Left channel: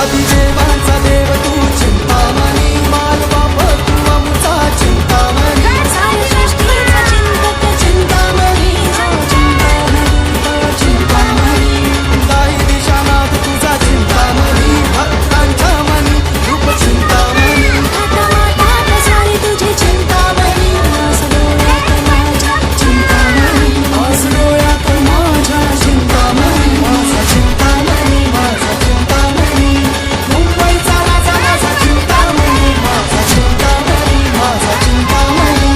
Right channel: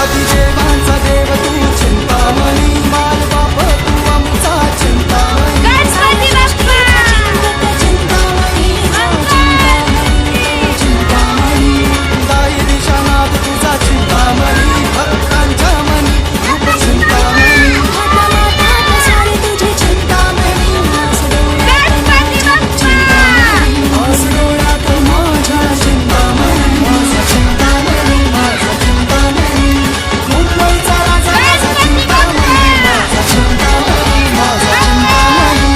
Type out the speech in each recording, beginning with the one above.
आदिदेवांचा देव तू चिंतामणी माय बाप तू आमचा चिंतामणी दाई दिशानाथ तुझा चिंतामणी भक्तांच्या मनी रूप चिंतामणी आस डोळ्यात माझ्या चिंतामणी माझा चिंतामणी माझा चिंतामणी मुंबईचा राजा माझा चिंतामणी माझा चिंतामणी माझा चिंतामणी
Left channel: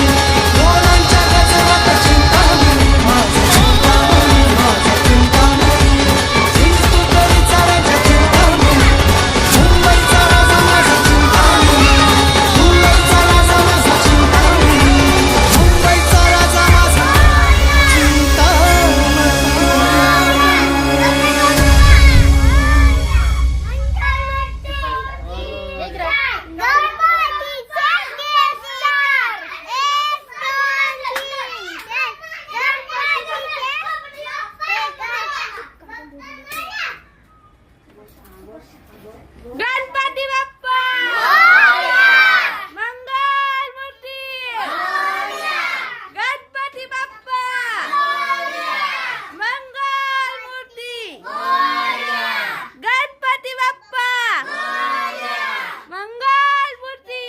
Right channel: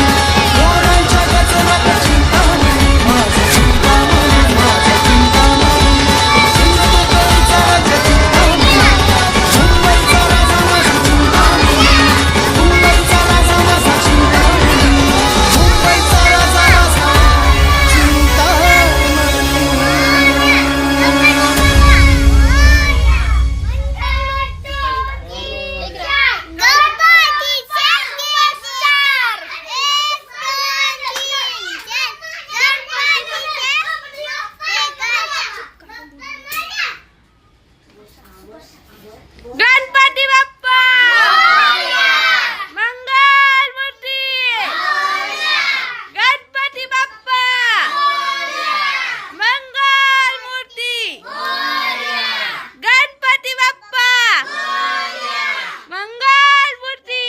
मोरांच्या गजरात चिंतामणी माझा चिंतामणी माझा चिंतामणी सिंधुदुर्गचा राजा चिंतामणी मुंबईचा राजा माझा चिंतामणी मुंबईचा राजा माझा चिंतामणी मुंबईचा राजा माझा गणपती बाप्पा मंगल मूर्ती गणपती बाप्पा मंगल मूर्ती गणपती बाप्पा मंगल मूर्ती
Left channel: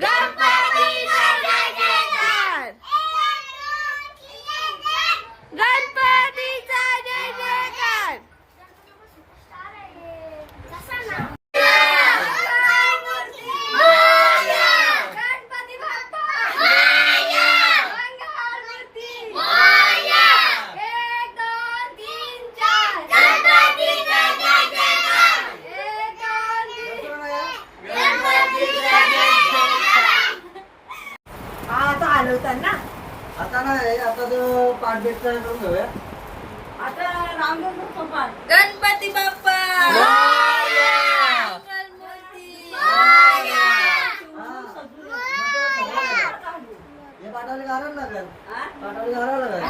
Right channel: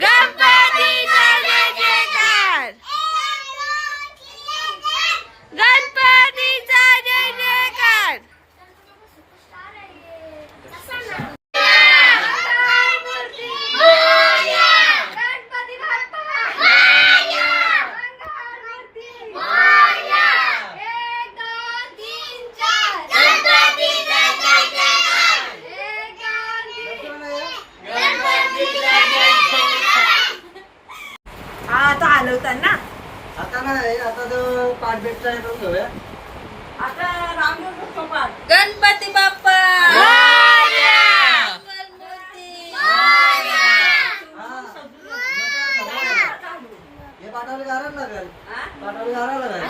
गणपतीचा जय जयकार गणपतीचा जय जयकार गणपती बाप्पा एक दोन तीन चार गणपतीचा जय जयकार एक दोन तीन आता आलो होता ना आता नाही आता तो पाठ बेट करून घेऊया. आता रामदेव बाप्पा गणपती बाप्पा मंगलमूर्ती हे पाठावली घालायला लागेल पाठावली घालायला लागेल